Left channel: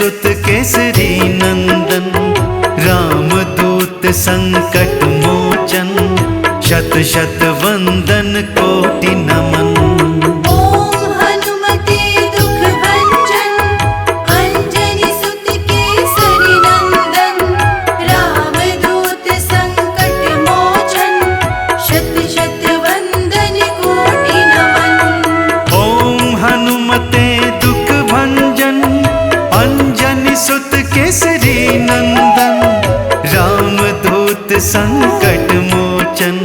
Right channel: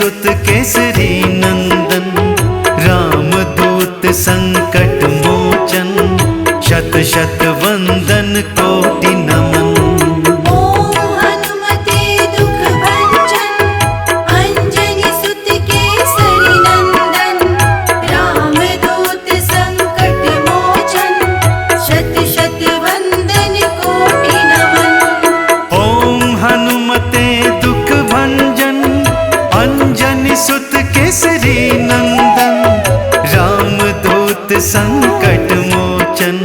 सुत केसरी नंदन, रामदूत संकट मोचन, शत शत वंदन कोटि नमन। दुख भंजन अंजनी सुत केसरी नंदन, रामदूत संकट मोचन,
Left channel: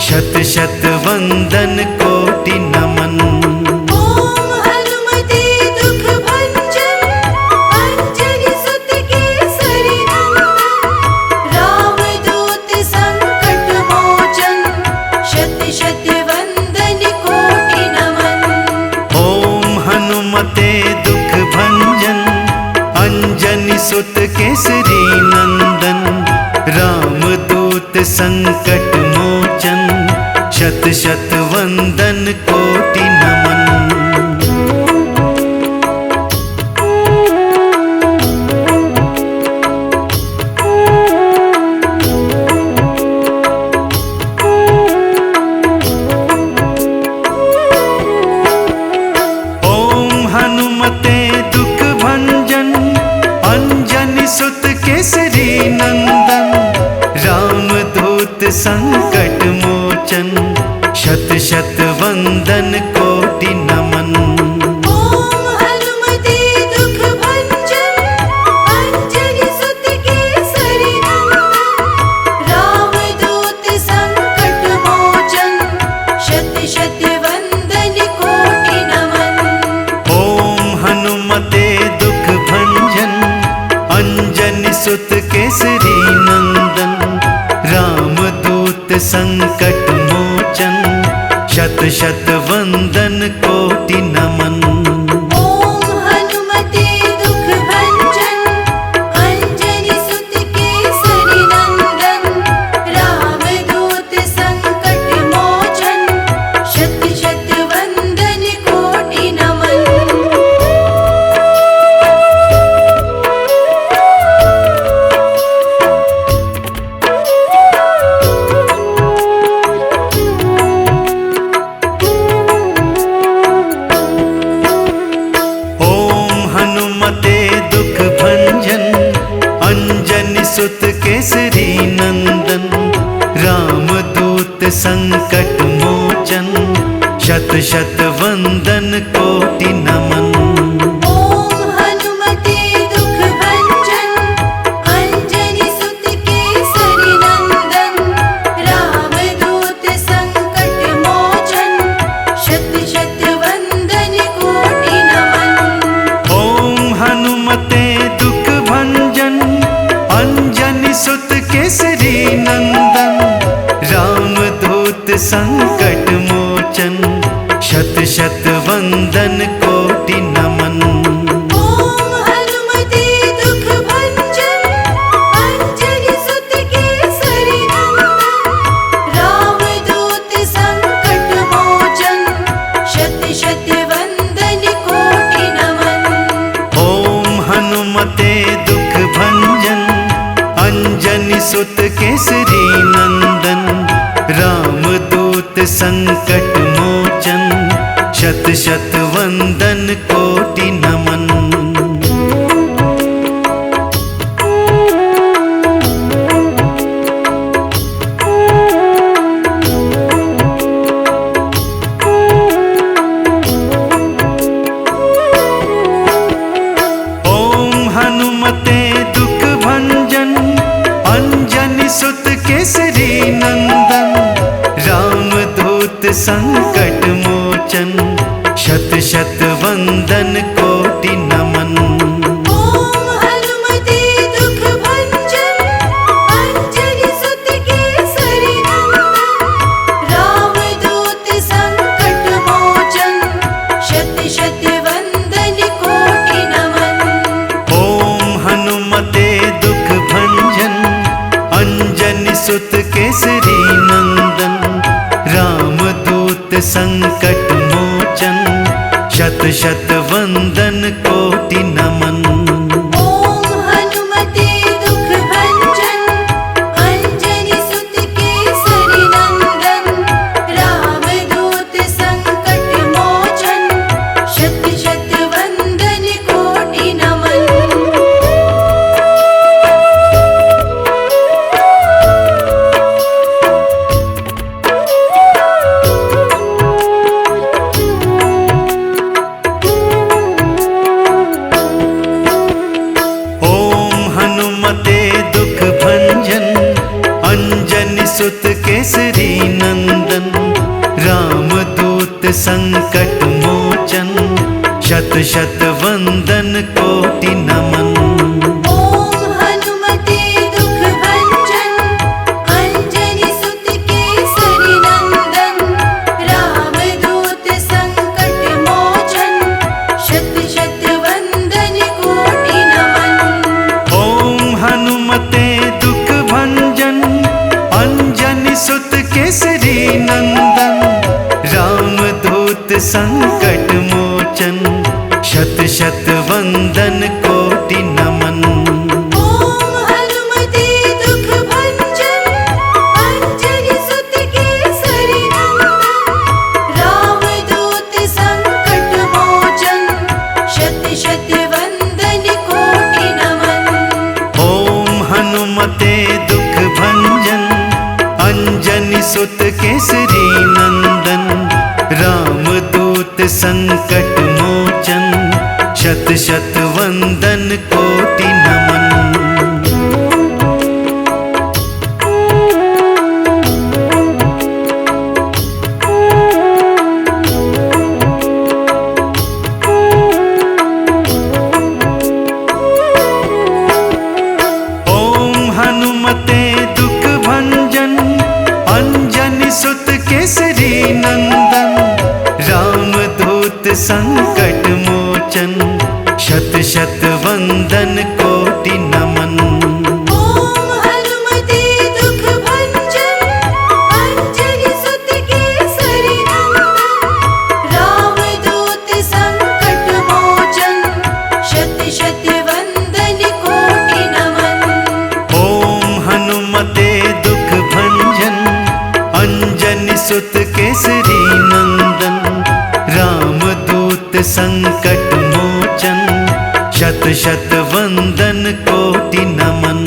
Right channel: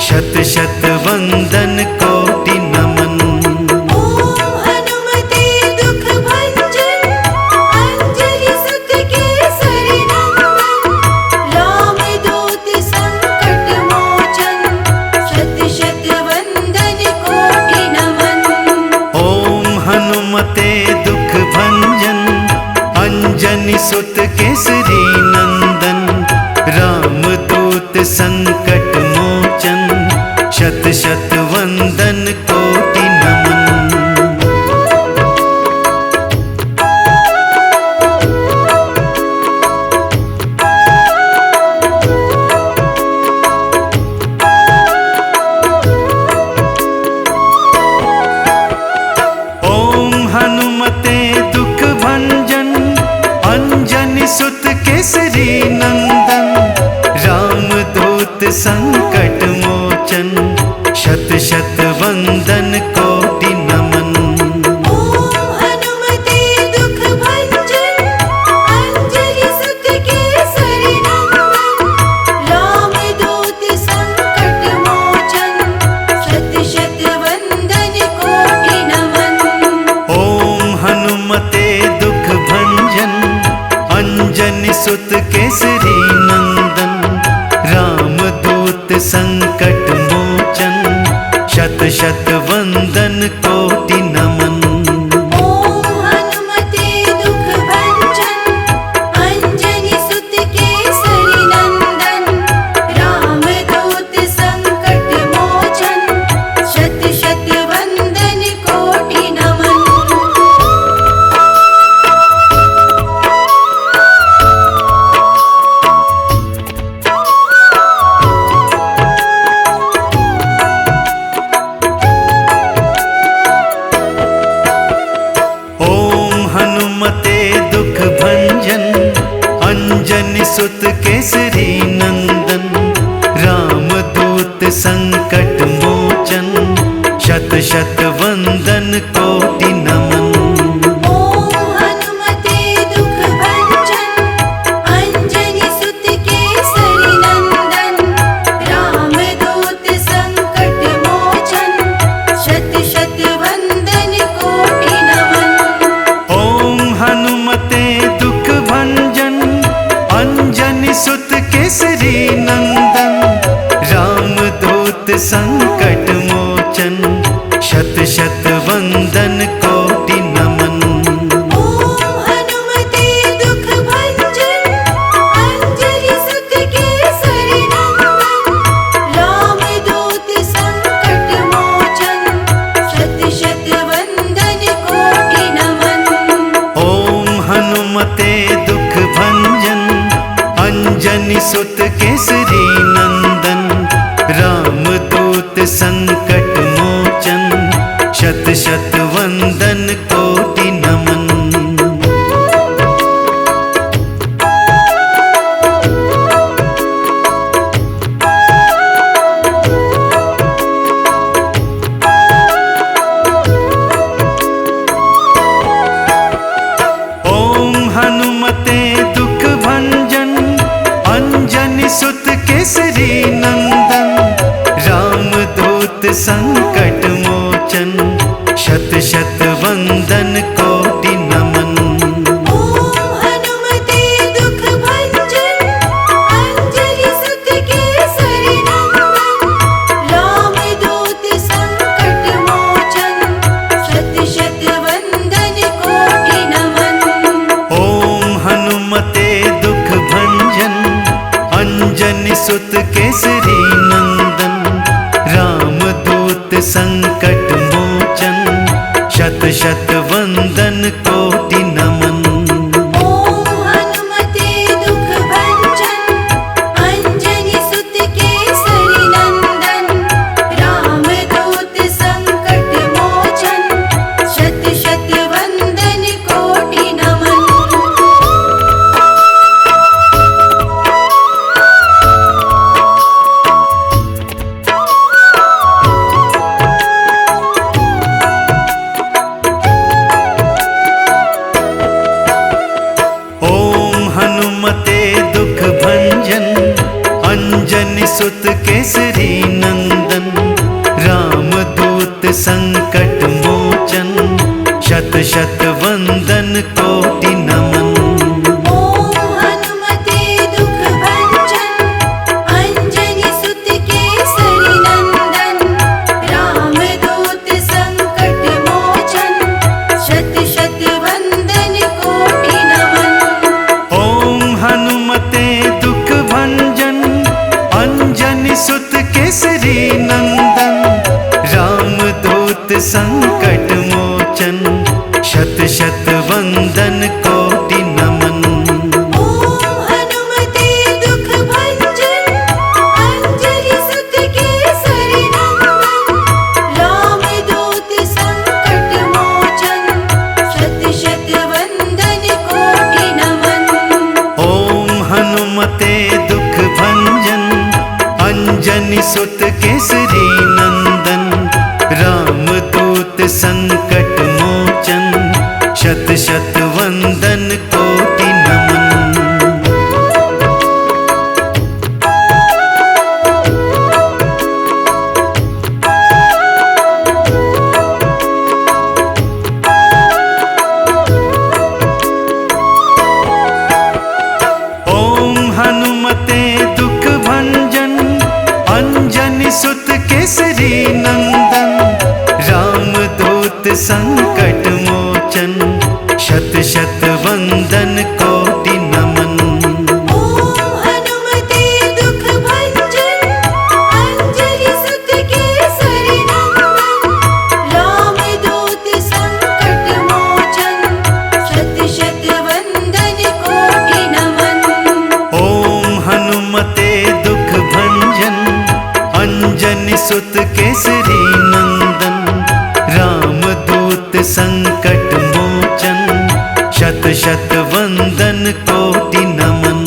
शत शत वंदन कोटि नमन। हनुमते दुख भंजन अंजनी सुत केसरी नंदन, रामदूत संकट मोचन, शत शत वंदन कोटि नमन। हनुमते दुख भंजन अंजनी सुत केसरी नंदन, रामदूत संकट मोचन, शत शत वंदन कोटि नमन। हनुमते दुख भंजन अंजनी सुत केसरी नंदन, रामदूत संकट मोचन, शत शत वंदन कोटि नमन। हनुमते दुख भंजन अंजनी सुत केसरी नंदन, रामदूत संकट मोचन, शत शत वंदन कोटि नमन। हनुमते दुख भंजन अंजनी सुत केसरी नंदन, रामदूत संकट मोचन, शत शत वंदन कोटि नमन। हनुमते दुख भंजन अंजनी सुत केसरी नंदन, रामदूत संकट मोचन, शत शत वंदन कोटि नमन। हनुमते दुख भंजन अंजनी सुत केसरी नंदन, रामदूत संकट मोचन, शत शत वंदन कोटि नमन। हनुमते दुख भंजन अंजनी सुत केसरी नंदन, रामदूत संकट मोचन, शत शत वंदन कोटि नमन। सुत केसरी नंदन, रामदूत संकट मोचन, शत शत वंदन कोटि नमन। दुख भंजन अंजनी सुत केसरी नंदन, रामदूत संकट मोचन, शत शत वंदन कोटि नमन। हनुमते दुख भंजन अंजनी सुत केसरी नंदन, रामदूत संकट मोचन, शत शत वंदन कोटि नमन। हनुमते दुख भंजन अंजनी सुत केसरी नंदन, रामदूत संकट मोचन, शत शत वंदन कोटि नमन। हनुमते दुख भंजन अंजनी सुत केसरी नंदन, रामदूत संकट मोचन, शत शत वंदन कोटि नमन।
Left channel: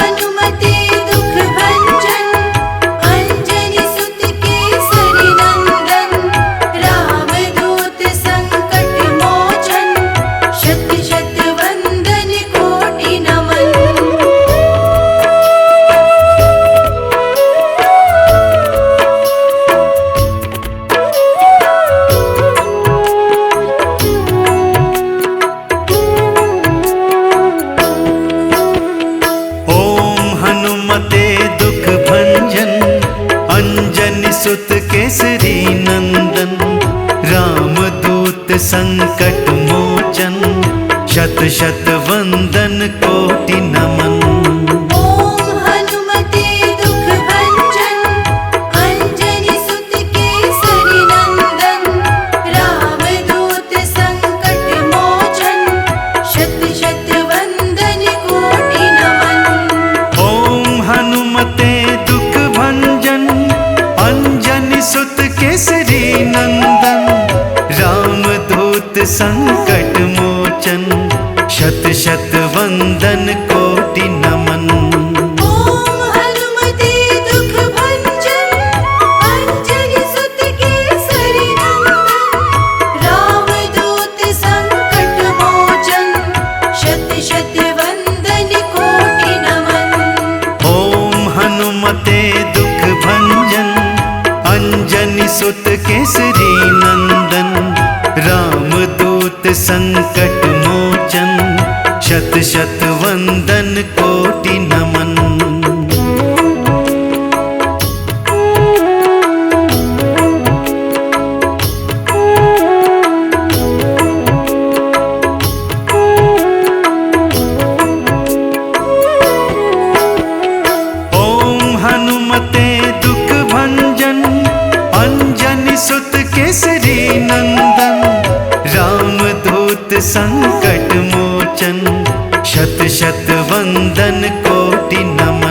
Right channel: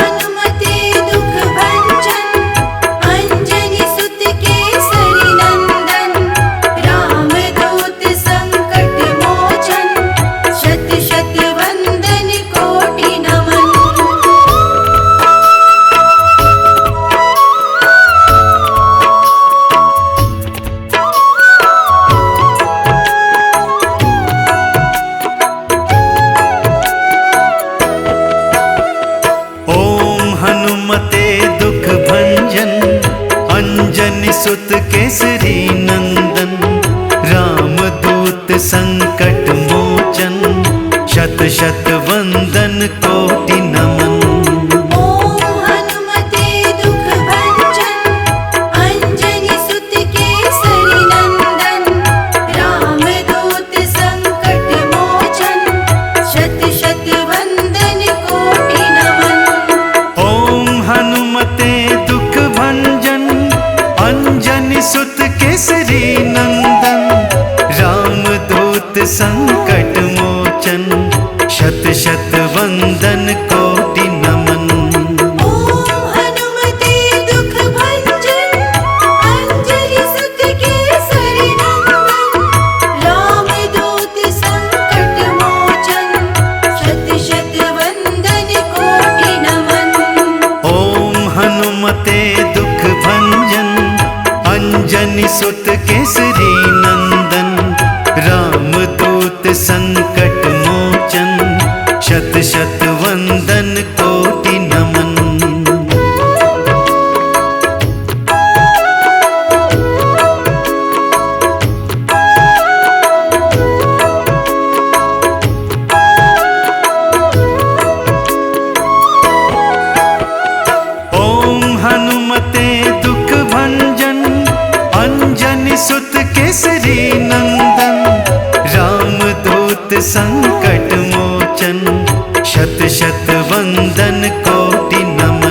हनुमते दुख भंजन अंजनी सुत केसरी नंदन, रामदूत संकट मोचन, शत शत वंदन कोटि नमन। हनुमते दुख भंजन अंजनी सुत केसरी नंदन, रामदूत संकट मोचन, शत शत वंदन कोटि नमन। हनुमते दुख भंजन अंजनी सुत केसरी नंदन, रामदूत संकट मोचन, शत शत वंदन कोटि नमन। हनुमते दुख भंजन अंजनी सुत केसरी नंदन, रामदूत संकट मोचन, शत शत वंदन कोटि नमन।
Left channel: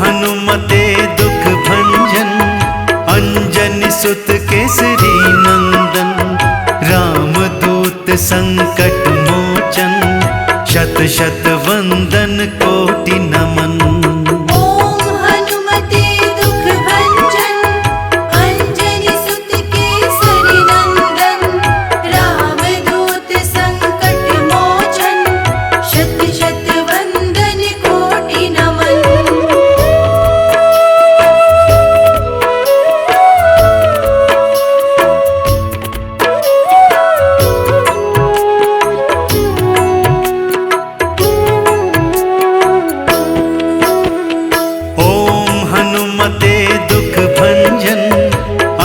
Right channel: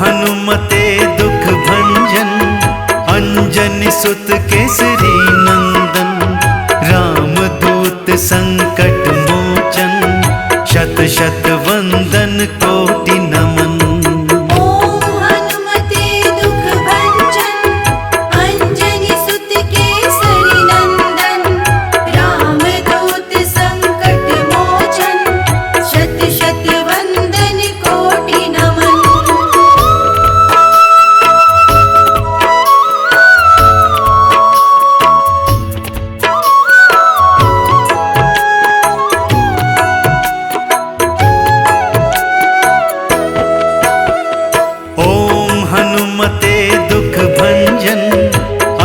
हनुमते दुख भंजन अंजनी सुत केसरी नंदन, रामदूत संकट मोचन, शत शत वंदन कोटि नमन।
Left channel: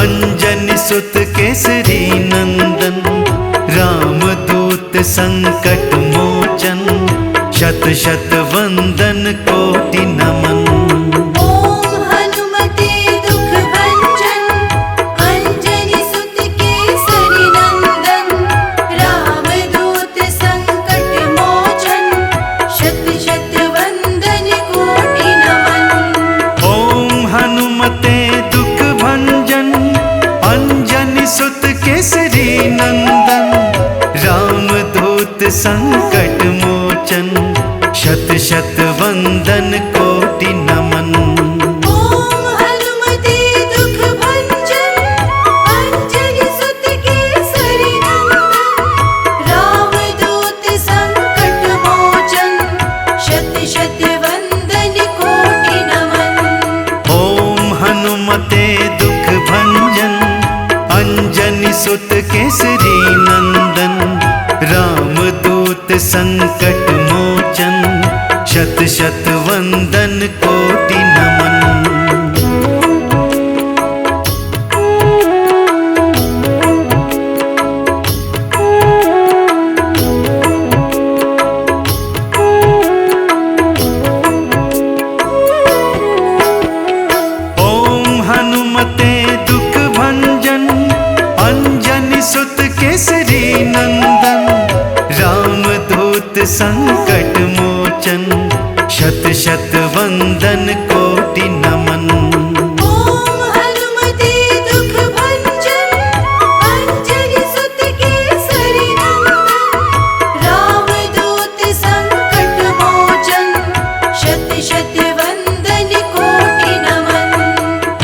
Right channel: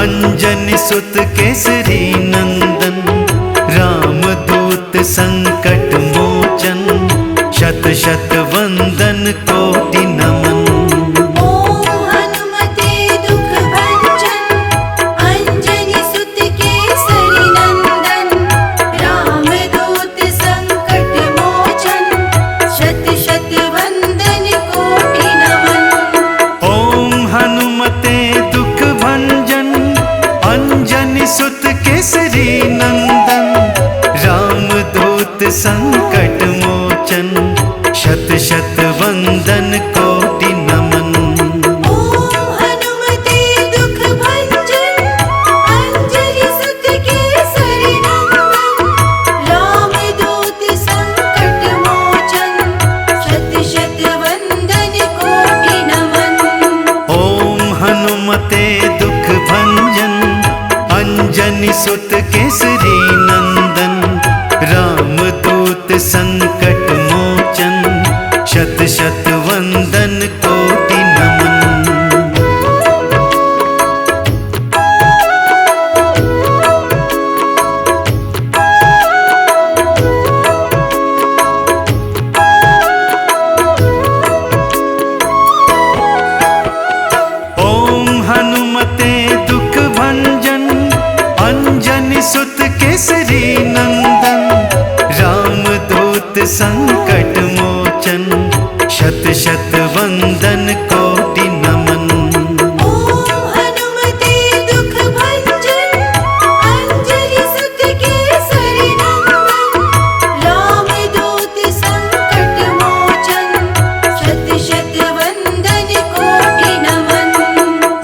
अंजनी सुत केसरी नंदन, रामदूत संकट मोचन, शत शत वंदन कोटि नमन। ओम हनुमते दुख भंजन, अंजनी सुत केसरी नंदन, रामदूत संकट मोचन, शत शत वंदन कोटि नमन। ओम हनुमते दुख भंजन, अंजनी सुत केसरी नंदन, रामदूत संकट मोचन, शत शत वंदन कोटि नमन। ओम हनुमते दुख भंजन, अंजनी सुत केसरी नंदन, रामदूत संकट मोचन, शत शत वंदन कोटि नमन। ओम हनुमते दुख भंजन, अंजनी सुत केसरी नंदन, रामदूत संकट मोचन, शत शत वंदन कोटि नमन। ओम हनुमते दुख भंजन, अंजनी सुत केसरी नंदन, रामदूत संकट मोचन, शत शत वंदन कोटि नमन। ओम हनुमते दुख भंजन, अंजनी सुत केसरी नंदन, रामदूत संकट मोचन, शत शत वंदन कोटि नमन।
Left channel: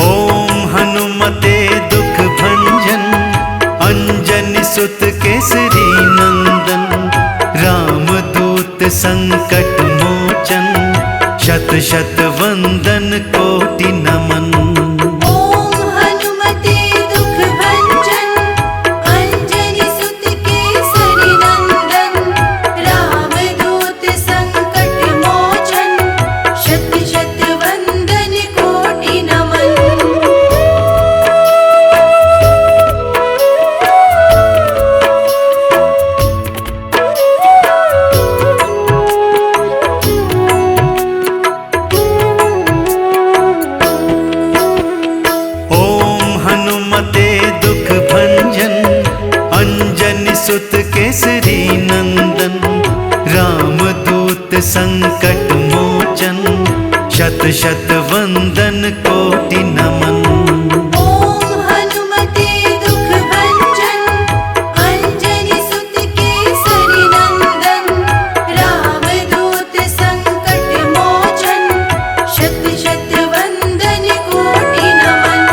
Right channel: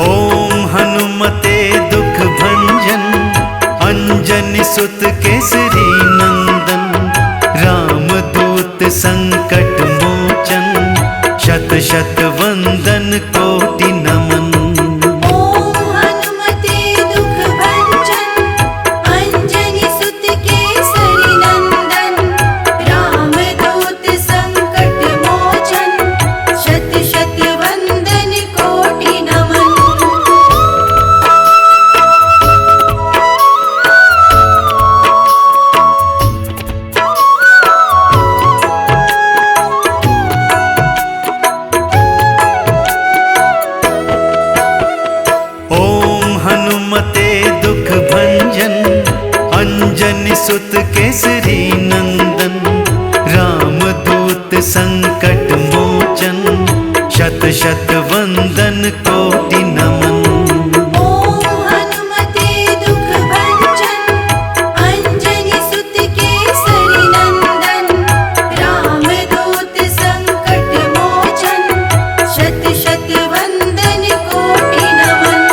ओम हनुमते दुख भंजन, अंजनी सुत केसरी नंदन, रामदूत संकट मोचन, शत शत वंदन कोटि नमन। ओम हनुमते दुख भंजन, अंजनी सुत केसरी नंदन, रामदूत संकट मोचन, शत शत वंदन कोटि नमन। ओम हनुमते दुख भंजन, अंजनी सुत केसरी नंदन, रामदूत संकट मोचन, शत शत वंदन कोटि नमन। ओम हनुमते दुख भंजन, अंजनी सुत केसरी नंदन, रामदूत संकट मोचन, शत शत वंदन कोटि नमन।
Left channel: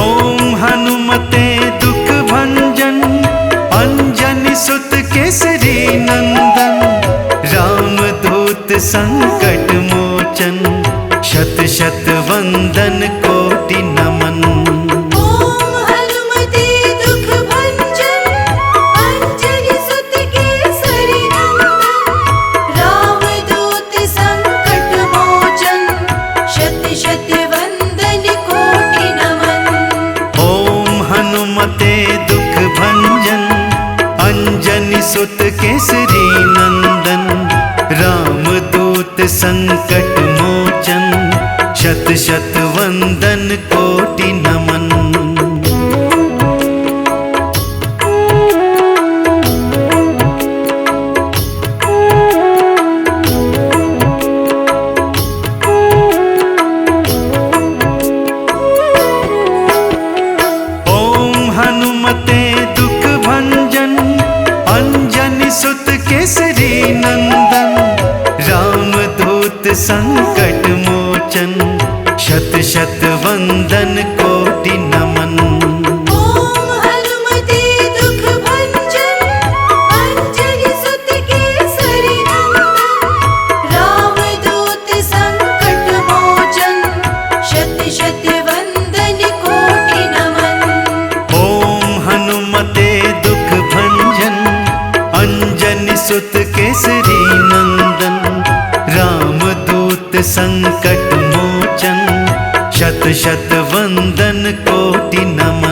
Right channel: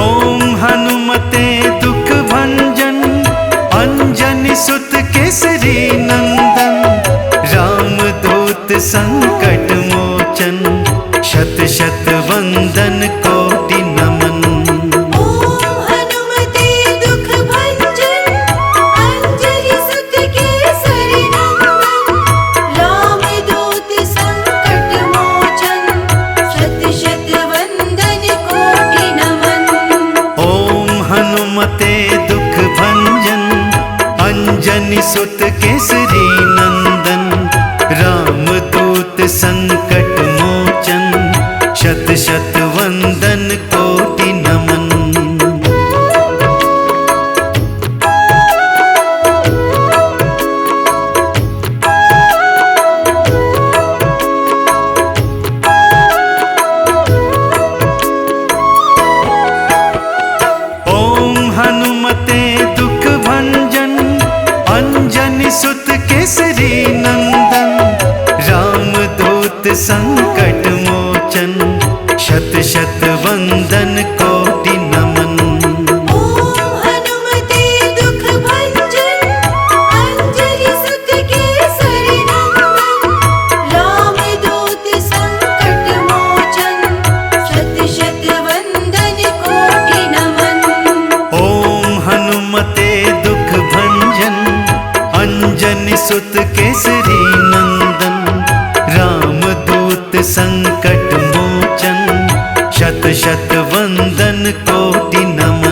ओम हनुमते दुख भंजन, अंजनी सुत केसरी नंदन, रामदूत संकट मोचन, शत शत वंदन कोटि नमन। ओम हनुमते दुख भंजन, अंजनी सुत केसरी नंदन, रामदूत संकट मोचन, शत शत वंदन कोटि नमन। ओम हनुमते दुख भंजन, अंजनी सुत केसरी नंदन, रामदूत संकट मोचन, शत शत वंदन कोटि नमन। ओम हनुमते दुख भंजन, अंजनी सुत केसरी नंदन, रामदूत संकट मोचन, शत शत वंदन कोटि नमन। ओम हनुमते दुख भंजन, अंजनी सुत केसरी नंदन, रामदूत संकट मोचन, शत शत वंदन कोटि नमन। ओम हनुमते दुख भंजन, अंजनी सुत केसरी नंदन, रामदूत संकट मोचन, शत शत वंदन कोटि नमन।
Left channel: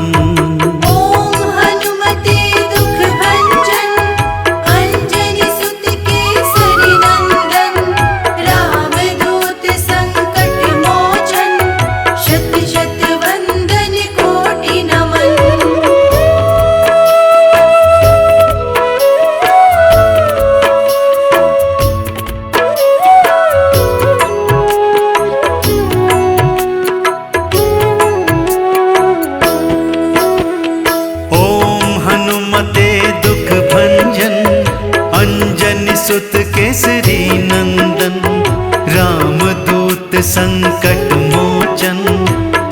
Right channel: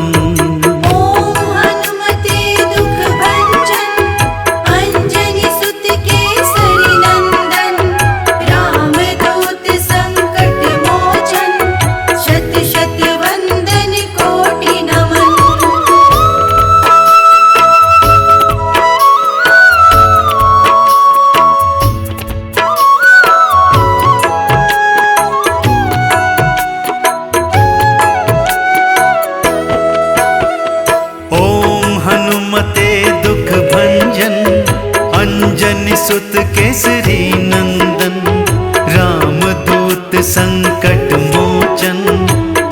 दुख भंजन, अंजनी सुत केसरी नंदन, रामदूत संकट मोचन,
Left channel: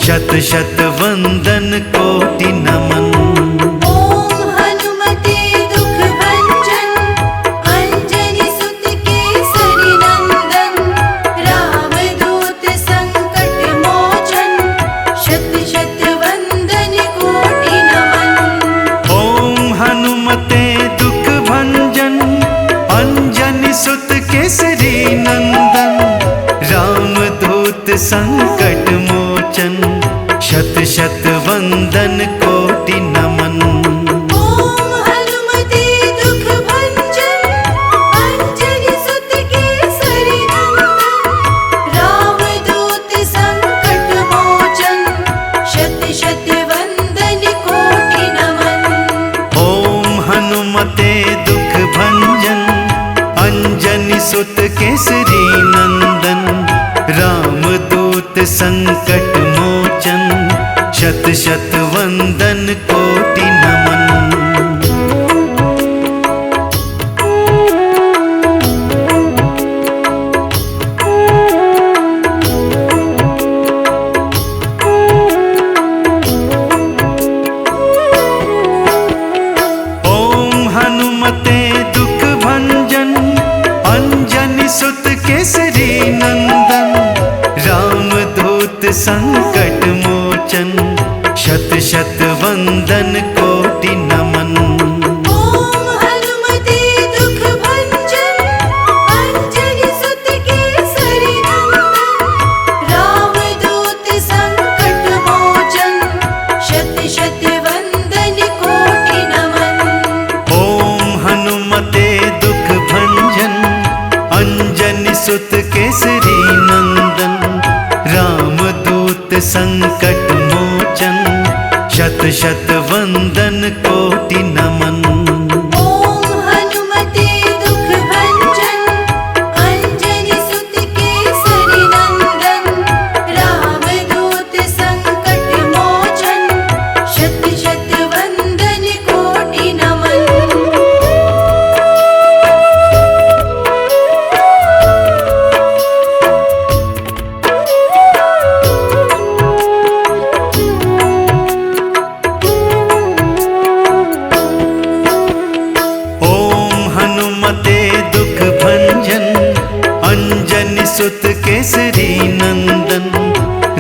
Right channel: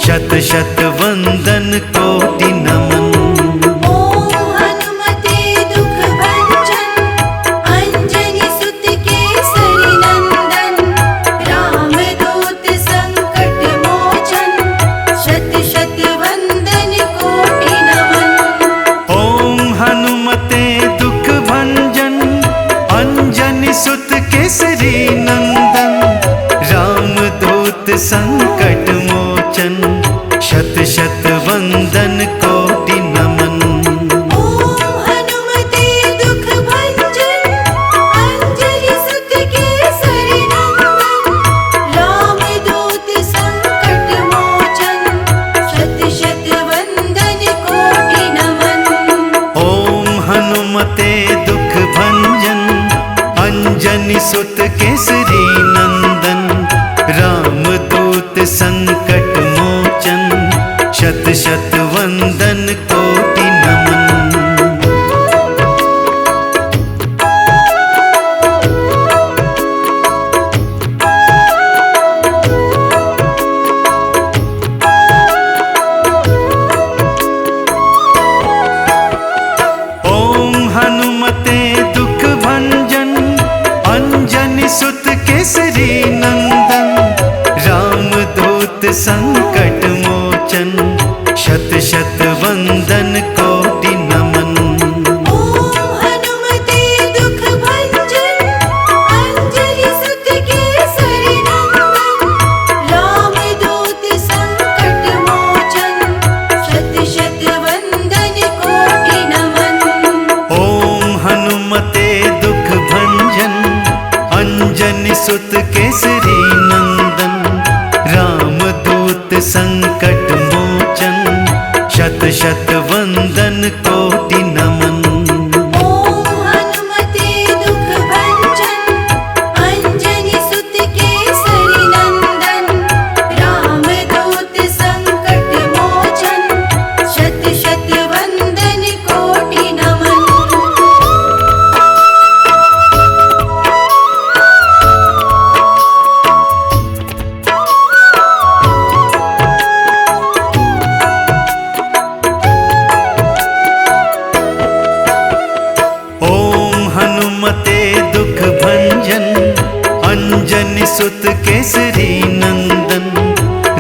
शत शत वंदन कोटि नमन। ओम हनुमते दुख भंजन, अंजनी सुत केसरी नंदन, रामदूत संकट मोचन, शत शत वंदन कोटि नमन। ओम हनुमते दुख भंजन, अंजनी सुत केसरी नंदन, रामदूत संकट मोचन, शत शत वंदन कोटि नमन। ओम हनुमते दुख भंजन, अंजनी सुत केसरी नंदन, रामदूत संकट मोचन, शत शत वंदन कोटि नमन। ओम हनुमते दुख भंजन, अंजनी सुत केसरी नंदन, रामदूत संकट मोचन, शत शत वंदन कोटि नमन। ओम हनुमते दुख भंजन, अंजनी सुत केसरी नंदन, रामदूत संकट मोचन, शत शत वंदन कोटि नमन। ओम हनुमते दुख भंजन, अंजनी सुत केसरी नंदन, रामदूत संकट मोचन, शत शत वंदन कोटि नमन। ओम हनुमते दुख भंजन, अंजनी सुत केसरी नंदन, रामदूत संकट मोचन, शत शत वंदन कोटि नमन। ओम हनुमते दुख भंजन, अंजनी सुत केसरी नंदन, रामदूत संकट मोचन, शत शत वंदन कोटि नमन। ओम हनुमते दुख भंजन, अंजनी सुत केसरी नंदन,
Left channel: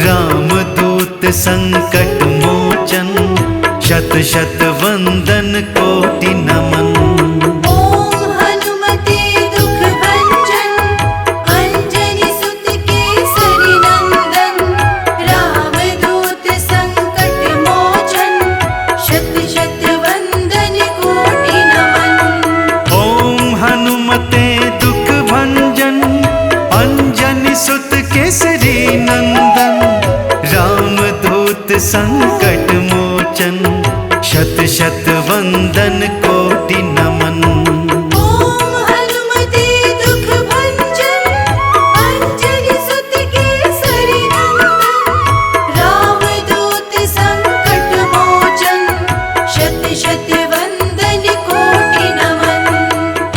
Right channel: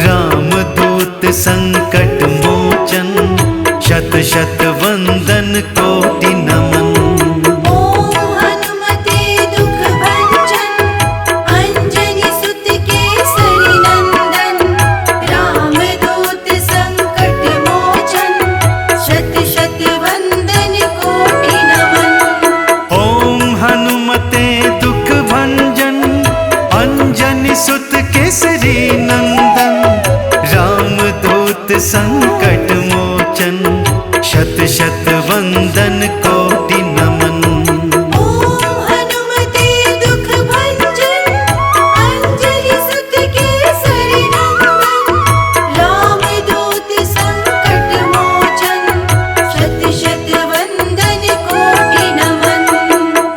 रामदूत संकट मोचन, शत शत वंदन कोटि नमन। ओम हनुमते दुख भंजन, अंजनी सुत केसरी नंदन, रामदूत संकट मोचन, शत शत वंदन कोटि नमन। ओम हनुमते दुख भंजन, अंजनी सुत केसरी नंदन, रामदूत संकट मोचन, शत शत वंदन कोटि नमन। ओम हनुमते दुख भंजन, अंजनी सुत केसरी नंदन, रामदूत संकट मोचन, शत शत वंदन कोटि नमन।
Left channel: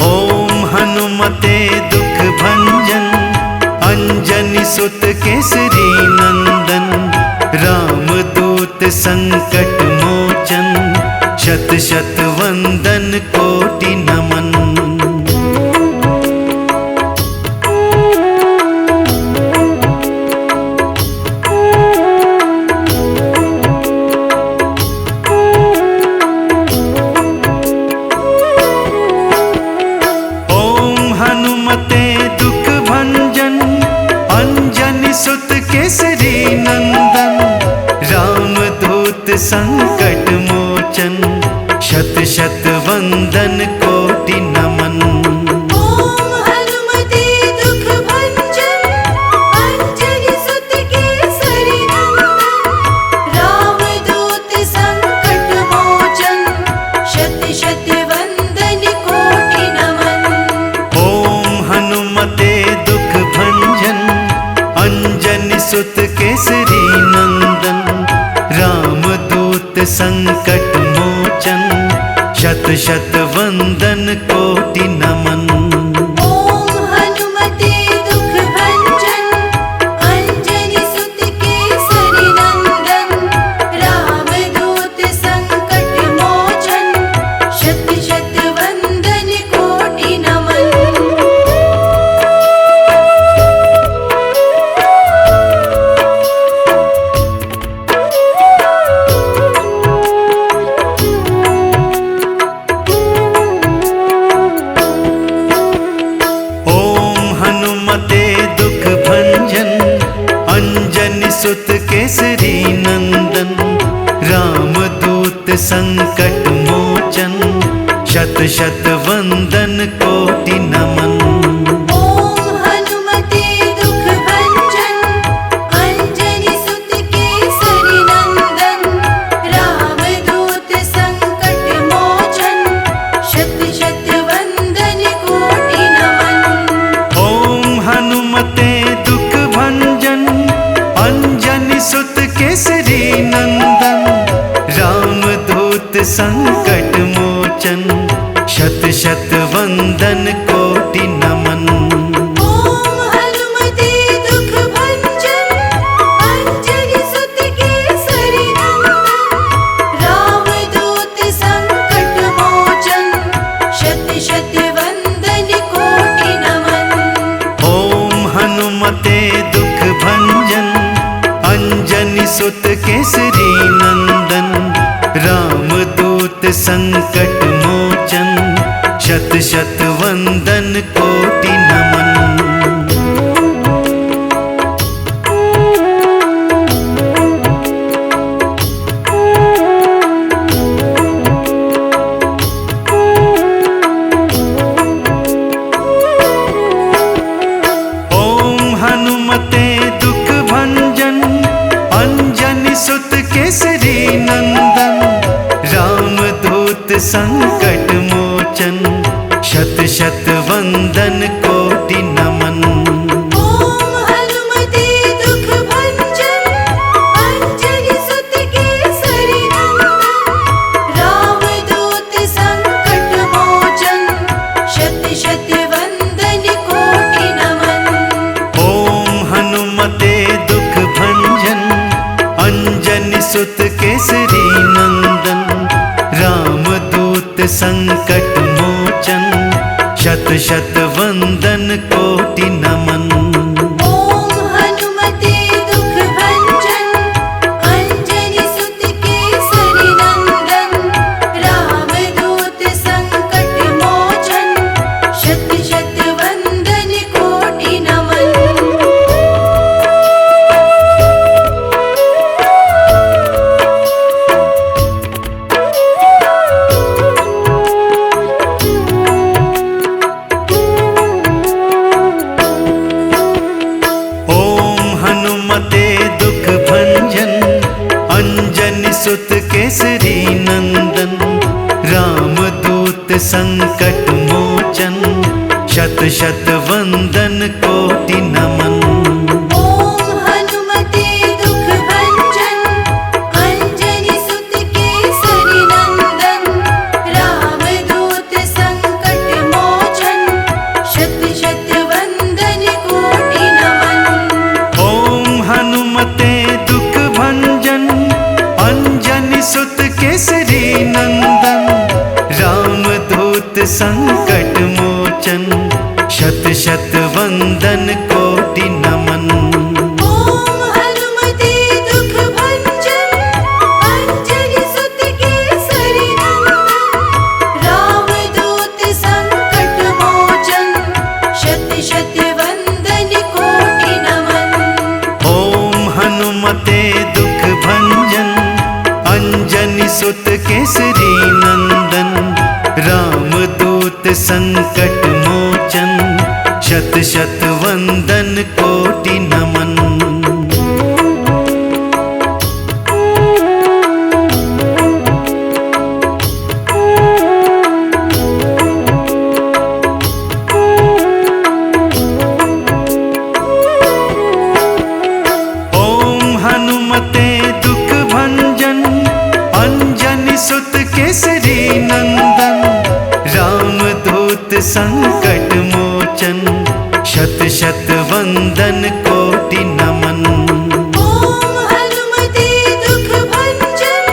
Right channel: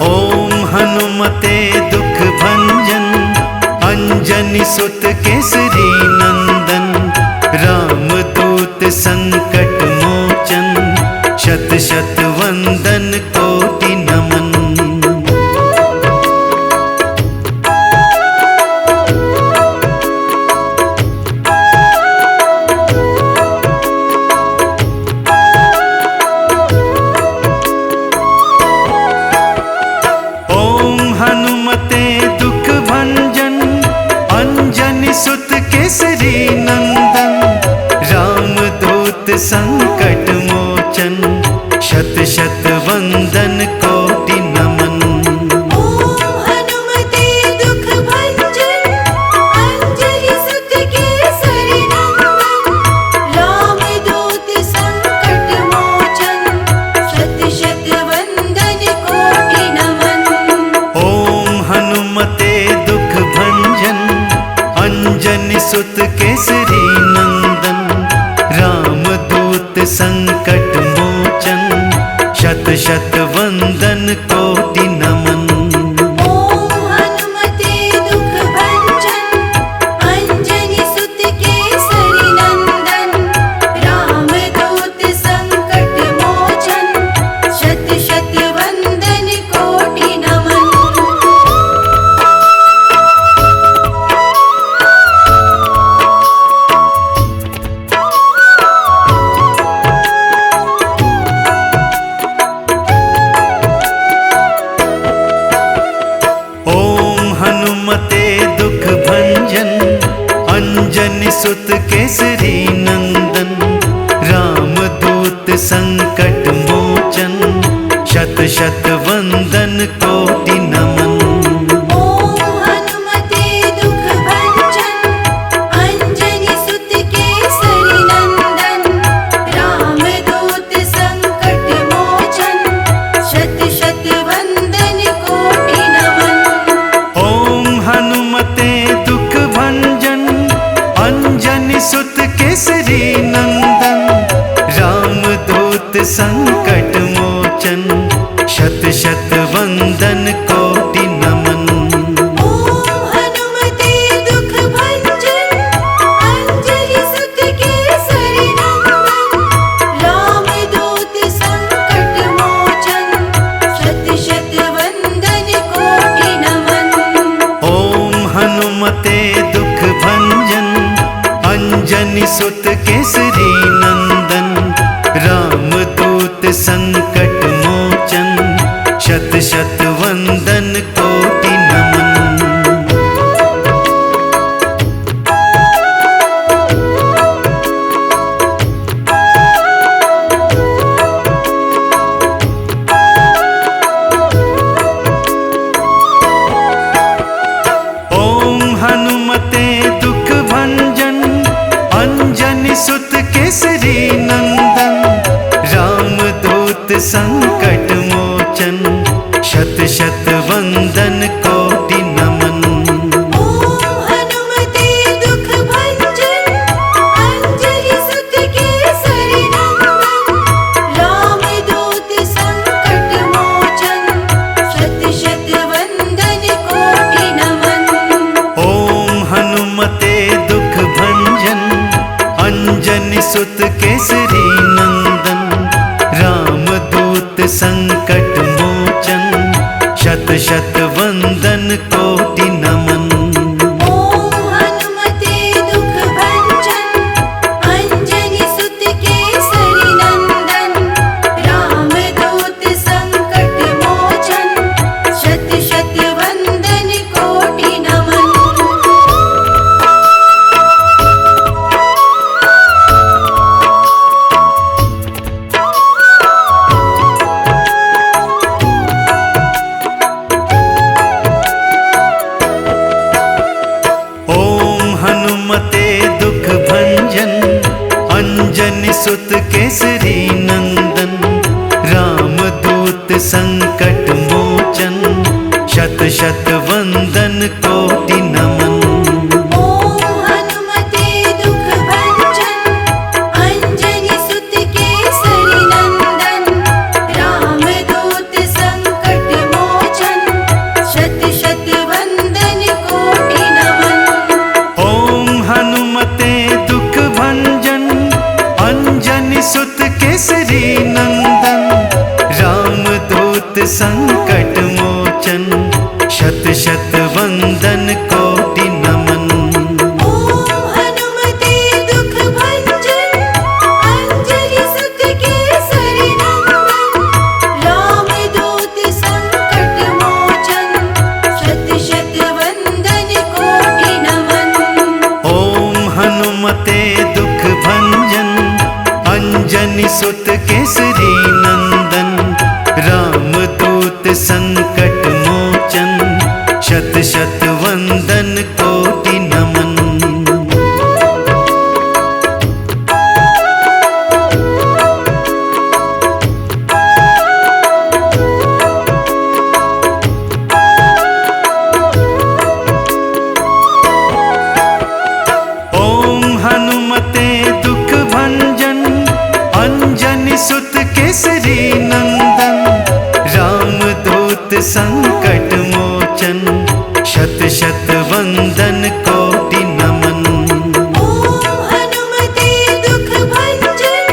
ओम हनुमते दुख भंजन, अंजनी सुत केसरी नंदन, रामदूत संकट मोचन, शत शत वंदन कोटि नमन। ओम हनुमते दुख भंजन, अंजनी सुत केसरी नंदन, रामदूत संकट मोचन, शत शत वंदन कोटि नमन। ओम हनुमते दुख भंजन, अंजनी सुत केसरी नंदन, रामदूत संकट मोचन, शत शत वंदन कोटि नमन। ओम हनुमते दुख भंजन, अंजनी सुत केसरी नंदन, रामदूत संकट मोचन, शत शत वंदन कोटि नमन। ओम हनुमते दुख भंजन अंजनी सुत केसरी नंदन रामदूत संकट मोचन शत शत वंदन कोटि नमन। ओम हनुमते दुख भंजन अंजनी सुत केसरी नंदन रामदूत संकट मोचन शत शत वंदन कोटि नमन। ओम हनुमते दुख भंजन अंजनी सुत केसरी नंदन रामदूत संकट मोचन शत शत वंदन कोटि नमन। ओम हनुमते दुख भंजन अंजनी सुत केसरी नंदन रामदूत संकट मोचन शत शत वंदन कोटि नमन। ओम हनुमते दुख भंजन अंजनी सुत केसरी नंदन रामदूत संकट मोचन शत शत वंदन कोटि नमन। ओम हनुमते दुख भंजन अंजनी सुत केसरी नंदन रामदूत संकट मोचन शत शत वंदन कोटि नमन। ओम हनुमते दुख भंजन अंजनी सुत केसरी नंदन रामदूत संकट मोचन शत शत वंदन कोटि नमन। ओम हनुमते दुख भंजन अंजनी सुत केसरी नंदन रामदूत संकट मोचन शत शत वंदन कोटि नमन। ओम हनुमते दुख भंजन अंजनी सुत केसरी नंदन रामदूत संकट मोचन शत शत वंदन कोटि नमन। ओम हनुमते दुख भंजन अंजनी सुत केसरी नंदन रामदूत संकट मोचन शत शत वंदन कोटि नमन। ओम हनुमते दुख भंजन अंजनी सुत केसरी नंदन रामदूत संकट मोचन शत शत वंदन कोटि नमन। ओम हनुमते दुख भंजन अंजनी सुत केसरी नंदन रामदूत संकट मोचन शत शत वंदन कोटि नमन। ओम हनुमते दुख भंजन अंजनी सुत केसरी नंदन रामदूत संकट मोचन शत शत वंदन कोटि नमन। ओम हनुमते दुख भंजन अंजनी सुत केसरी नंदन रामदूत संकट मोचन शत शत वंदन कोटि नमन। ओम हनुमते दुख भंजन अंजनी सुत केसरी नंदन रामदूत संकट मोचन शत शत वंदन कोटि नमन। सुत केसरी नंदन, रामदूत संकट मोचन, शत शत वंदन कोटि नमन। ओम हनुमते दुख भंजन,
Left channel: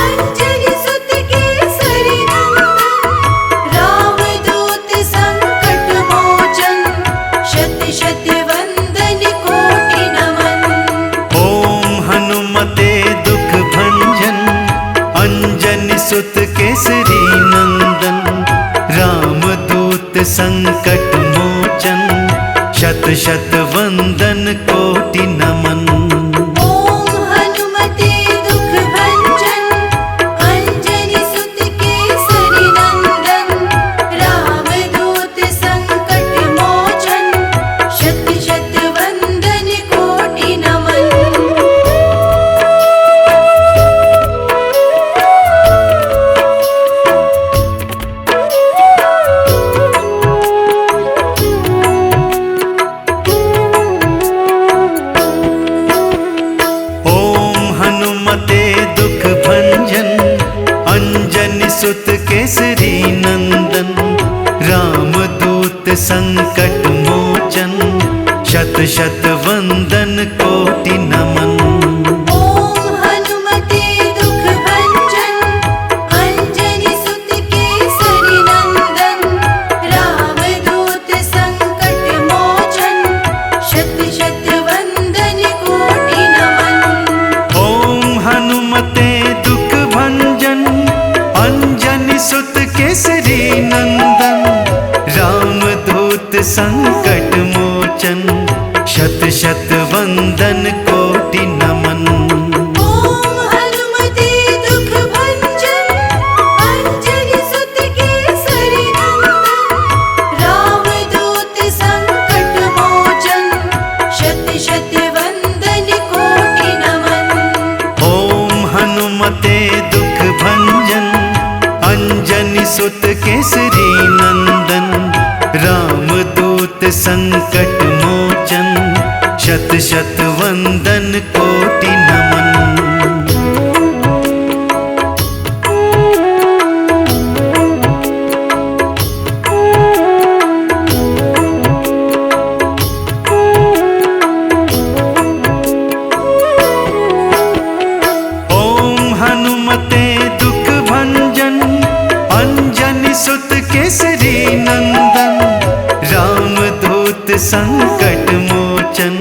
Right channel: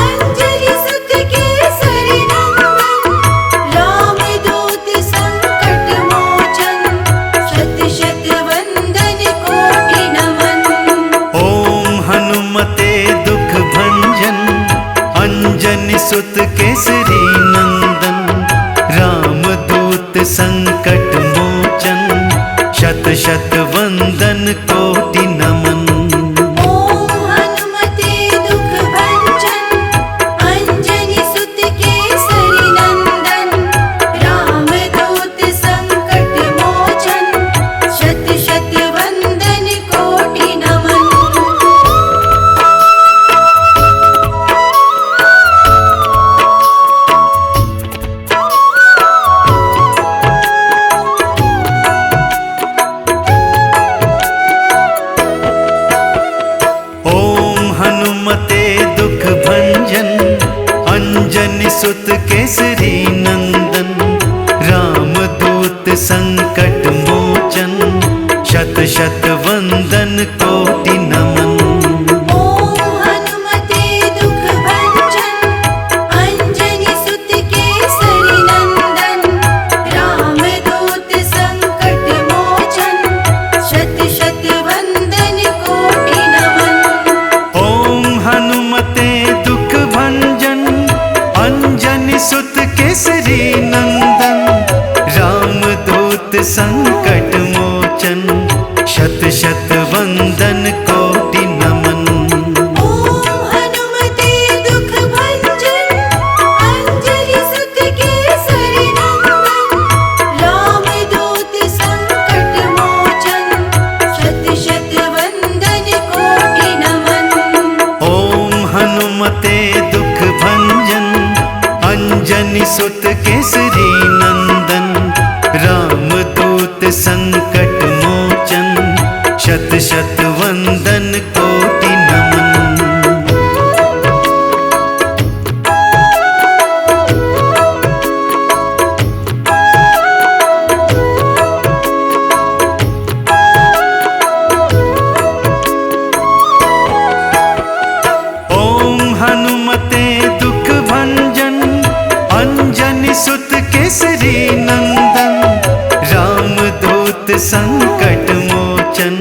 अंजनी सुत केसरी नंदन, रामदूत संकट मोचन, शत शत वंदन कोटि नमन। ओम हनुमते दुख भंजन, अंजनी सुत केसरी नंदन, रामदूत संकट मोचन, शत शत वंदन कोटि नमन। ओम हनुमते दुख भंजन, अंजनी सुत केसरी नंदन, रामदूत संकट मोचन, शत शत वंदन कोटि नमन। ओम हनुमते दुख भंजन, अंजनी सुत केसरी नंदन, रामदूत संकट मोचन, शत शत वंदन कोटि नमन। ओम हनुमते दुख भंजन, अंजनी सुत केसरी नंदन, रामदूत संकट मोचन, शत शत वंदन कोटि नमन। ओम हनुमते दुख भंजन, अंजनी सुत केसरी नंदन, रामदूत संकट मोचन, शत शत वंदन कोटि नमन। ओम हनुमते दुख भंजन, अंजनी सुत केसरी नंदन, रामदूत संकट मोचन, शत शत वंदन कोटि नमन। ओम हनुमते दुख भंजन, अंजनी सुत केसरी नंदन, रामदूत संकट मोचन, शत शत वंदन कोटि नमन। ओम हनुमते दुख भंजन, अंजनी सुत केसरी नंदन, रामदूत संकट मोचन,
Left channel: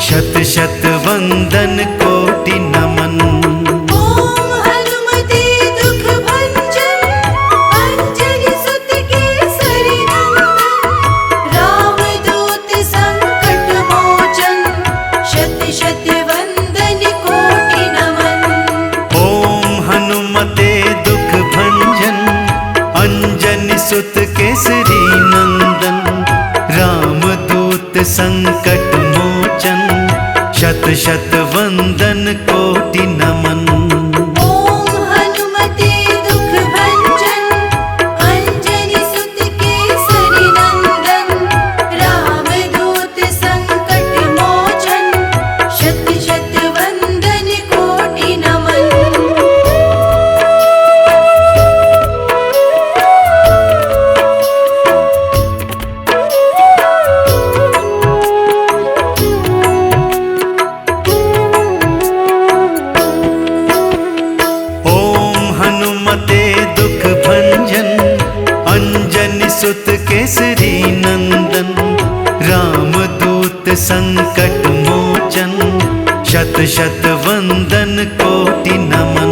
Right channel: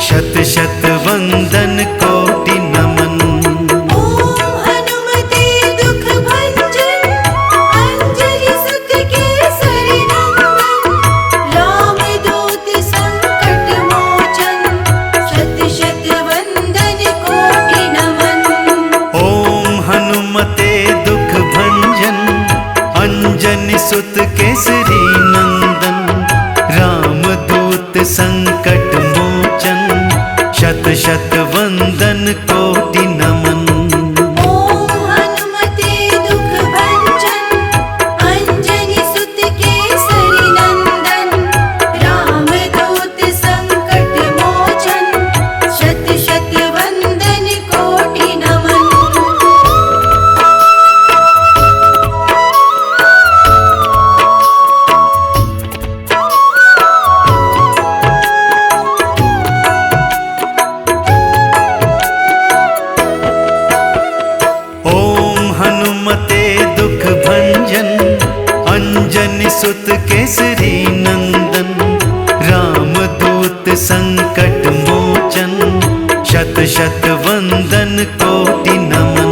शत शत वंदन कोटि नमन। ओम हनुमते दुख भंजन, अंजनी सुत केसरी नंदन, रामदूत संकट मोचन, शत शत वंदन कोटि नमन। ओम हनुमते दुख भंजन, अंजनी सुत केसरी नंदन, रामदूत संकट मोचन, शत शत वंदन कोटि नमन। ओम हनुमते दुख भंजन, अंजनी सुत केसरी नंदन, रामदूत संकट मोचन, शत शत वंदन कोटि नमन। ओम हनुमते दुख भंजन, अंजनी सुत केसरी नंदन, रामदूत संकट मोचन, शत शत वंदन कोटि नमन।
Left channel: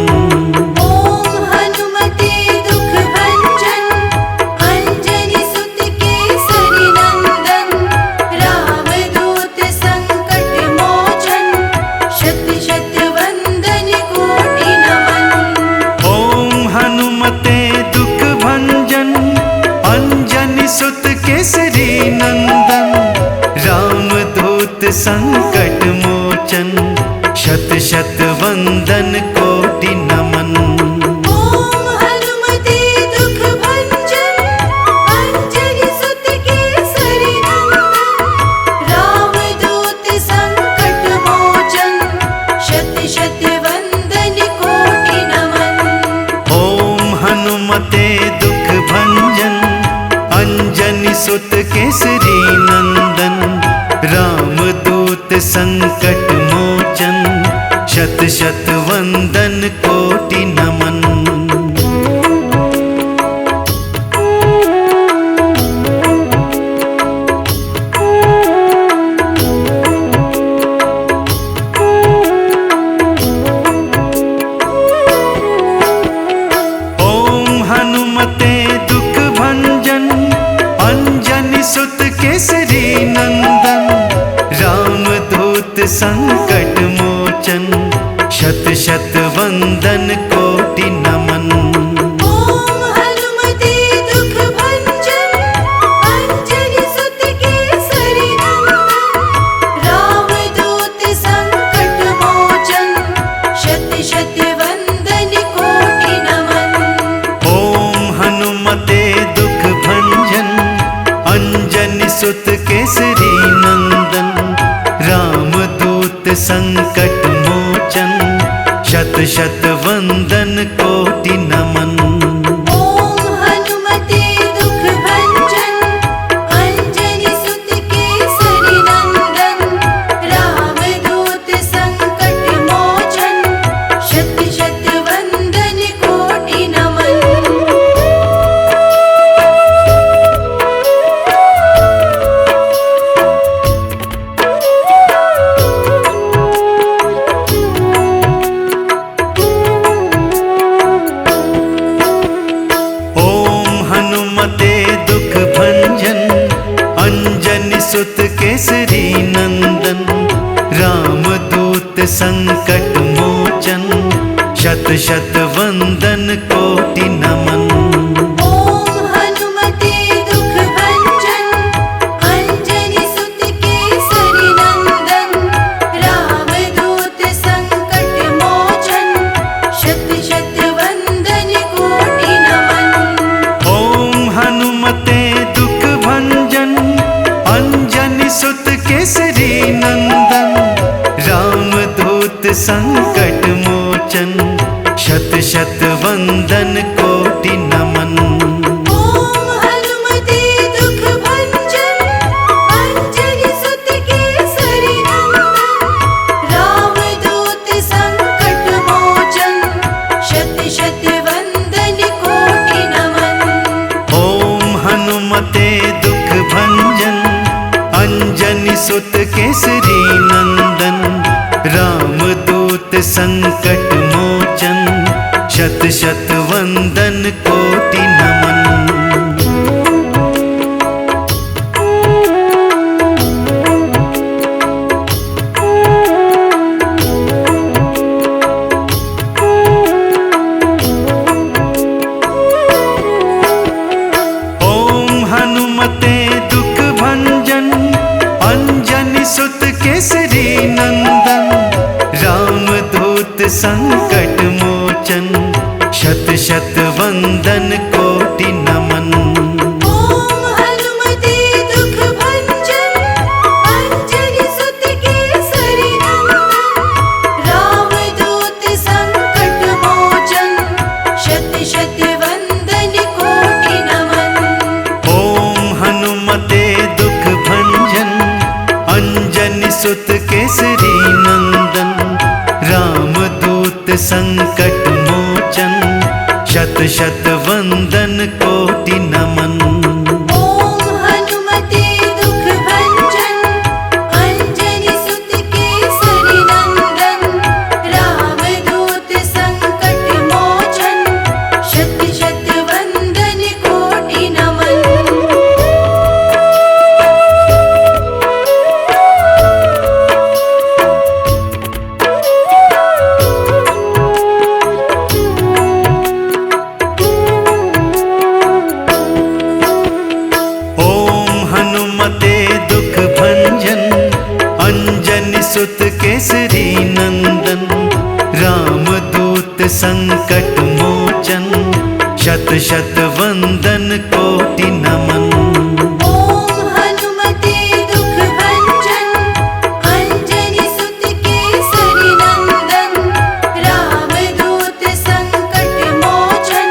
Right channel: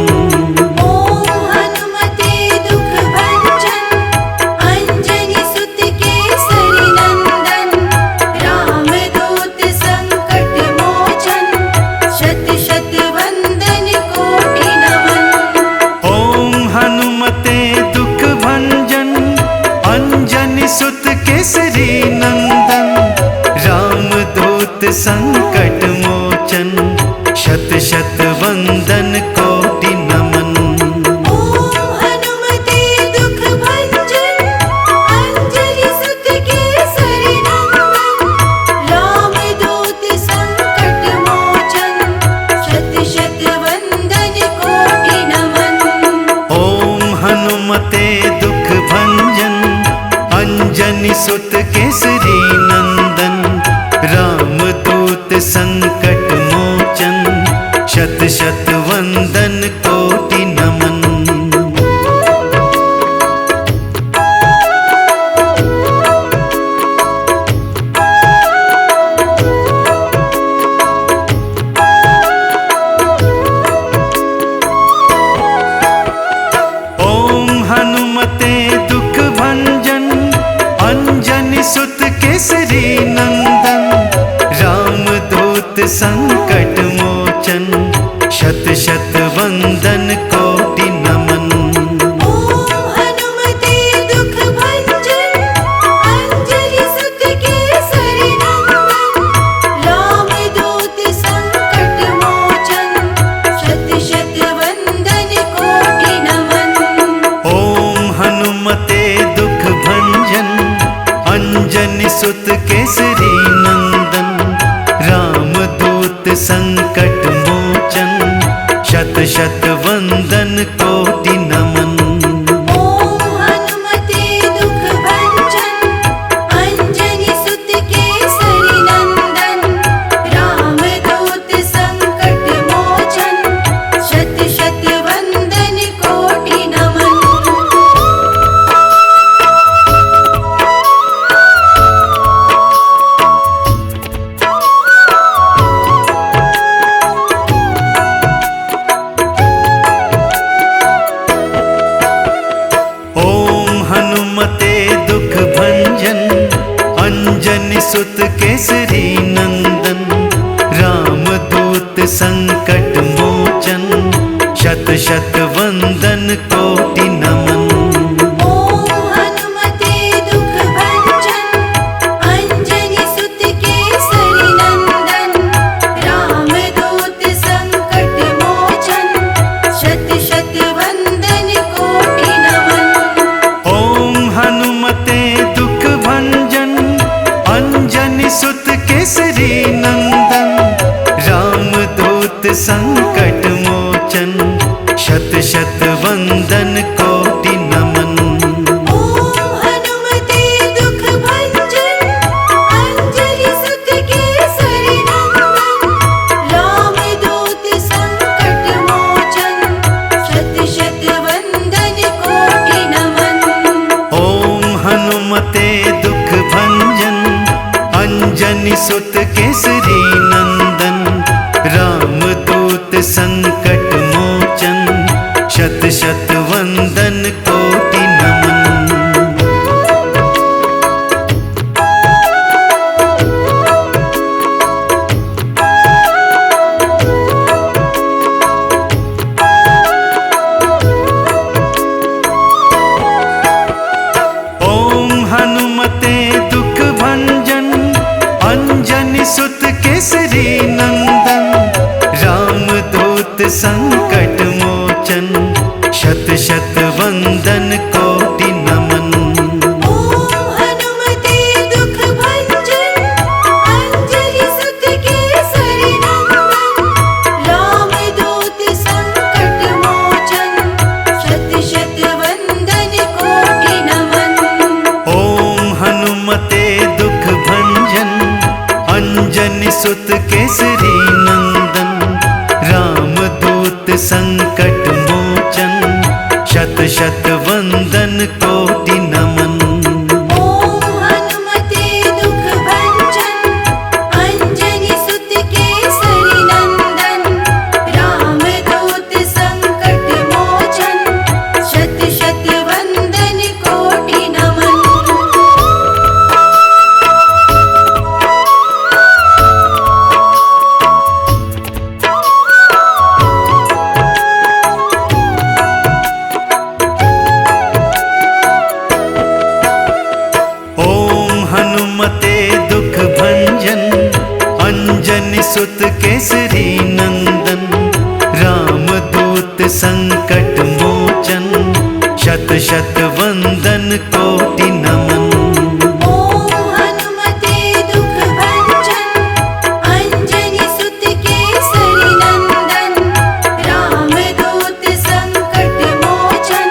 ओम हनुमते दुख भंजन, अंजनी सुत केसरी नंदन, रामदूत संकट मोचन, शत शत वंदन कोटि नमन। ओम हनुमते दुख भंजन, अंजनी सुत केसरी नंदन, रामदूत संकट मोचन, शत शत वंदन कोटि नमन। ओम हनुमते दुख भंजन, अंजनी सुत केसरी नंदन, रामदूत संकट मोचन, शत शत वंदन कोटि नमन। हनुमते दुख भंजन, अंजनी सुत केसरी नंदन। रामदूत संकट मोचन, शत शत वंदन कोटि नमन। हनुमते दुख भंजन, अंजनी सुत केसरी नंदन। रामदूत संकट मोचन, शत शत वंदन कोटि नमन। हनुमते दुख भंजन, अंजनी सुत केसरी नंदन। रामदूत संकट मोचन, शत शत वंदन कोटि नमन। हनुमते दुख भंजन, अंजनी सुत केसरी नंदन। रामदूत संकट मोचन, शत शत वंदन कोटि नमन। हनुमते दुख भंजन, अंजनी सुत केसरी नंदन। रामदूत संकट मोचन, शत शत वंदन कोटि नमन। हनुमते दुख भंजन, अंजनी सुत केसरी नंदन। रामदूत संकट मोचन, शत शत वंदन कोटि नमन। हनुमते दुख भंजन, अंजनी सुत केसरी नंदन। रामदूत संकट मोचन, शत शत वंदन कोटि नमन। हनुमते दुख भंजन, अंजनी सुत केसरी नंदन। रामदूत संकट मोचन, शत शत वंदन कोटि नमन। हनुमते दुख भंजन, अंजनी सुत केसरी नंदन। रामदूत संकट मोचन, शत शत वंदन कोटि नमन। हनुमते दुख भंजन, अंजनी सुत केसरी नंदन। रामदूत संकट मोचन, शत शत वंदन कोटि नमन। हनुमते दुख भंजन, अंजनी सुत केसरी नंदन। रामदूत संकट मोचन, शत शत वंदन कोटि नमन। हनुमते दुख भंजन, अंजनी सुत केसरी नंदन। रामदूत संकट मोचन, शत शत वंदन कोटि नमन। हनुमते दुख भंजन, अंजनी सुत केसरी नंदन। रामदूत संकट मोचन, शत शत वंदन कोटि नमन। हनुमते दुख भंजन, अंजनी सुत केसरी नंदन। रामदूत संकट मोचन, शत शत वंदन कोटि नमन। हनुमते दुख भंजन, अंजनी सुत केसरी नंदन। रामदूत संकट मोचन, शत शत वंदन कोटि नमन। हनुमते दुख भंजन, अंजनी सुत केसरी नंदन। रामदूत संकट मोचन,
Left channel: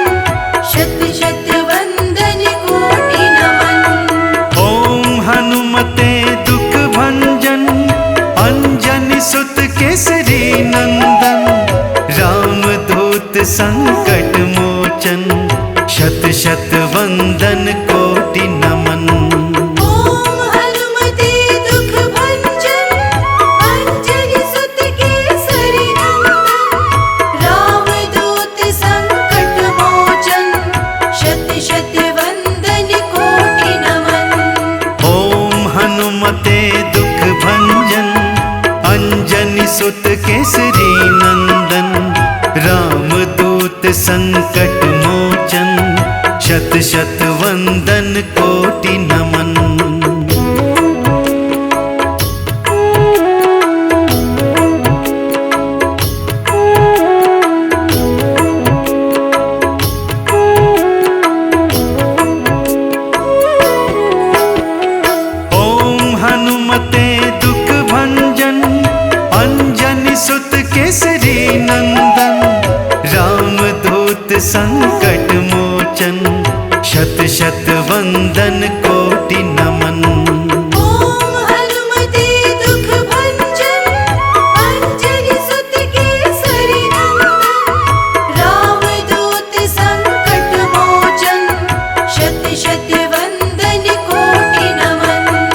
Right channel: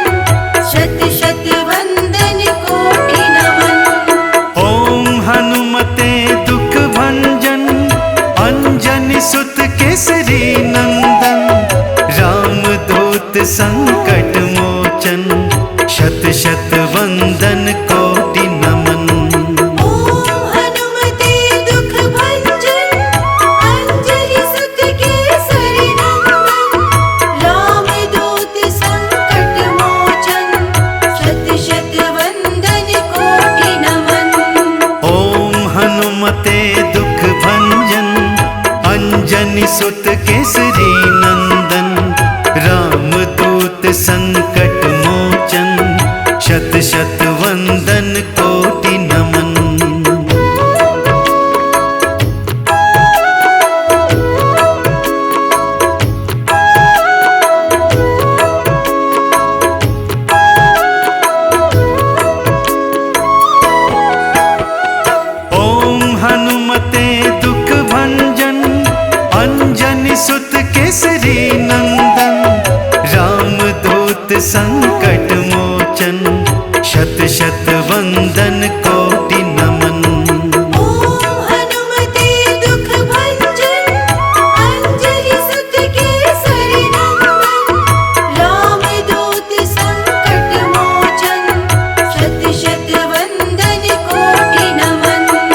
संकट मोचन, शत शत वंदन कोटि नमन। ओम हनुमते दुख भंजन, अंजनी सुत केसरी नंदन। रामदूत संकट मोचन, शत शत वंदन कोटि नमन। ओम हनुमते दुख भंजन, अंजनी सुत केसरी नंदन। रामदूत संकट मोचन, शत शत वंदन कोटि नमन। ओम हनुमते दुख भंजन, अंजनी सुत केसरी नंदन। रामदूत संकट मोचन, शत शत वंदन